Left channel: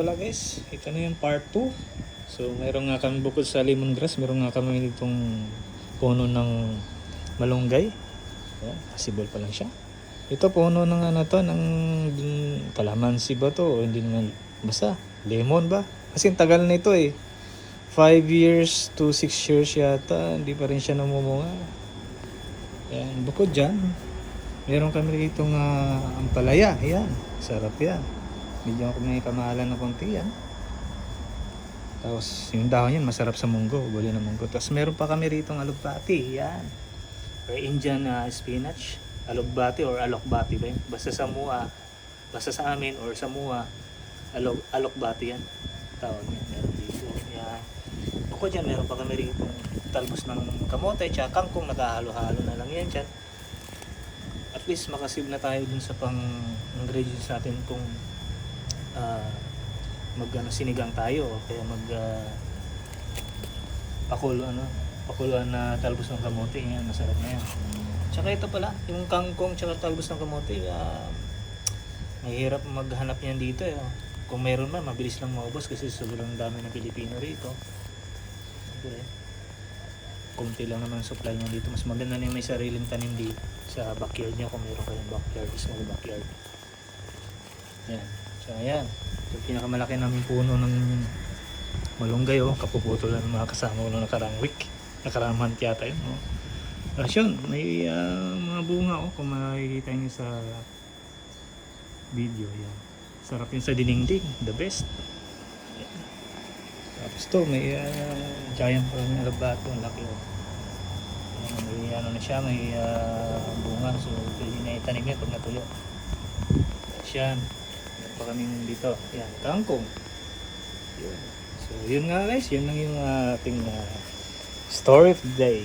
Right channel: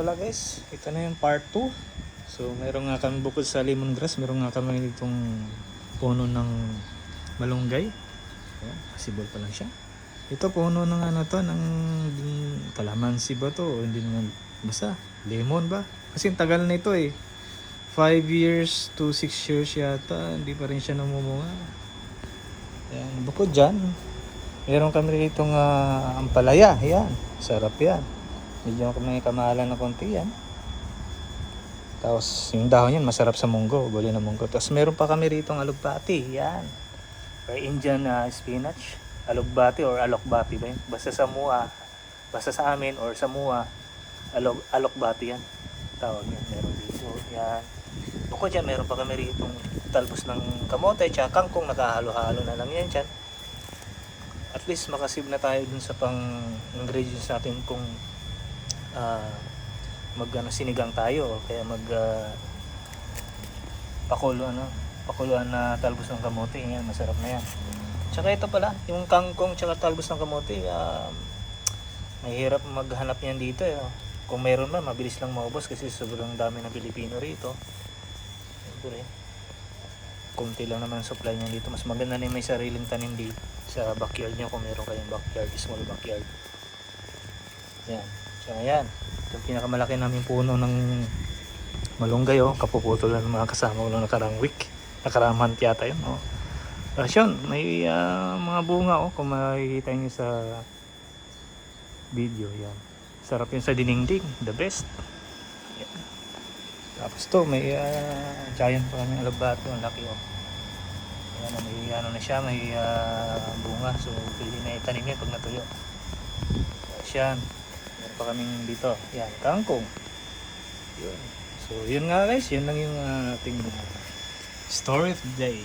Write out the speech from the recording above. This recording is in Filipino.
pala guys, ito na yung part 2. So meron nga kami bukod sa lemongrass, meron nga kami itong puno ng malunggay. Ayan, possible pa lang siya. Ito puno ng ano to, ng kalamansi ba to? O hindi naman, basta lemon ba? Kasi tagal na ito eh. 5 years to 6 years yata, hindi pa rin siya namumunga. Ayan, bukod dyan, meron kami rito ampalaya. Ayan, sarap yan. Medyo may kamahalan na konti yan. Tapos yung dahon yan masarap sa munggo, gulay na munggo. Tapos meron pa kami rito ng alugbati. Yan. Or Indian spinach. Alugbati or alokbati ba yun? Basta sa mua. Basta sa amin or sa mua. Alokbati yan. Tawag yan. Meron dito. Yan. Bukod dyan, meron pa kami rito talbos ng kamote. Tsaka kangkong nakahalo-halo na lang yan dyan. At least makasave na tayo dun sa pang ingredients natin kung sinigang tayo, kaya pakuluan na talbos ng kamote. Yan, masarap na yan. Tsaka ito pala, yung kangkong tsaka talbos ng kamote, mahirap maghanap yan dito eh. Kung meron man, mabilis lang maubos kasi sobrang dami ng Pilipino rito. Siyempre, kunti lang naman supply nyo dito. Mas maganda na may sariling tanim dito sa backyard nyo kung meron kayong backyard, small backyard. Yan. So ayan, yung pinakamalaki namin puno ng malunggay kapuputol lang ng mga kasama ko ng nakarang week, nakarang month yata yun. Tapos yun, may mga bunga kung makikita nyo sa video. Yan, sarap yun sa dinengding, the best. Yan. Tapos to may giant pa yung labato, ang laki yan, may ano na siya, may bunga, so pwede na itanim yan pag natuyo. Tapos yan, meron pa kaming dito, yan, kangkong. Yun. So yun nga guys, yun lang yung ating story today.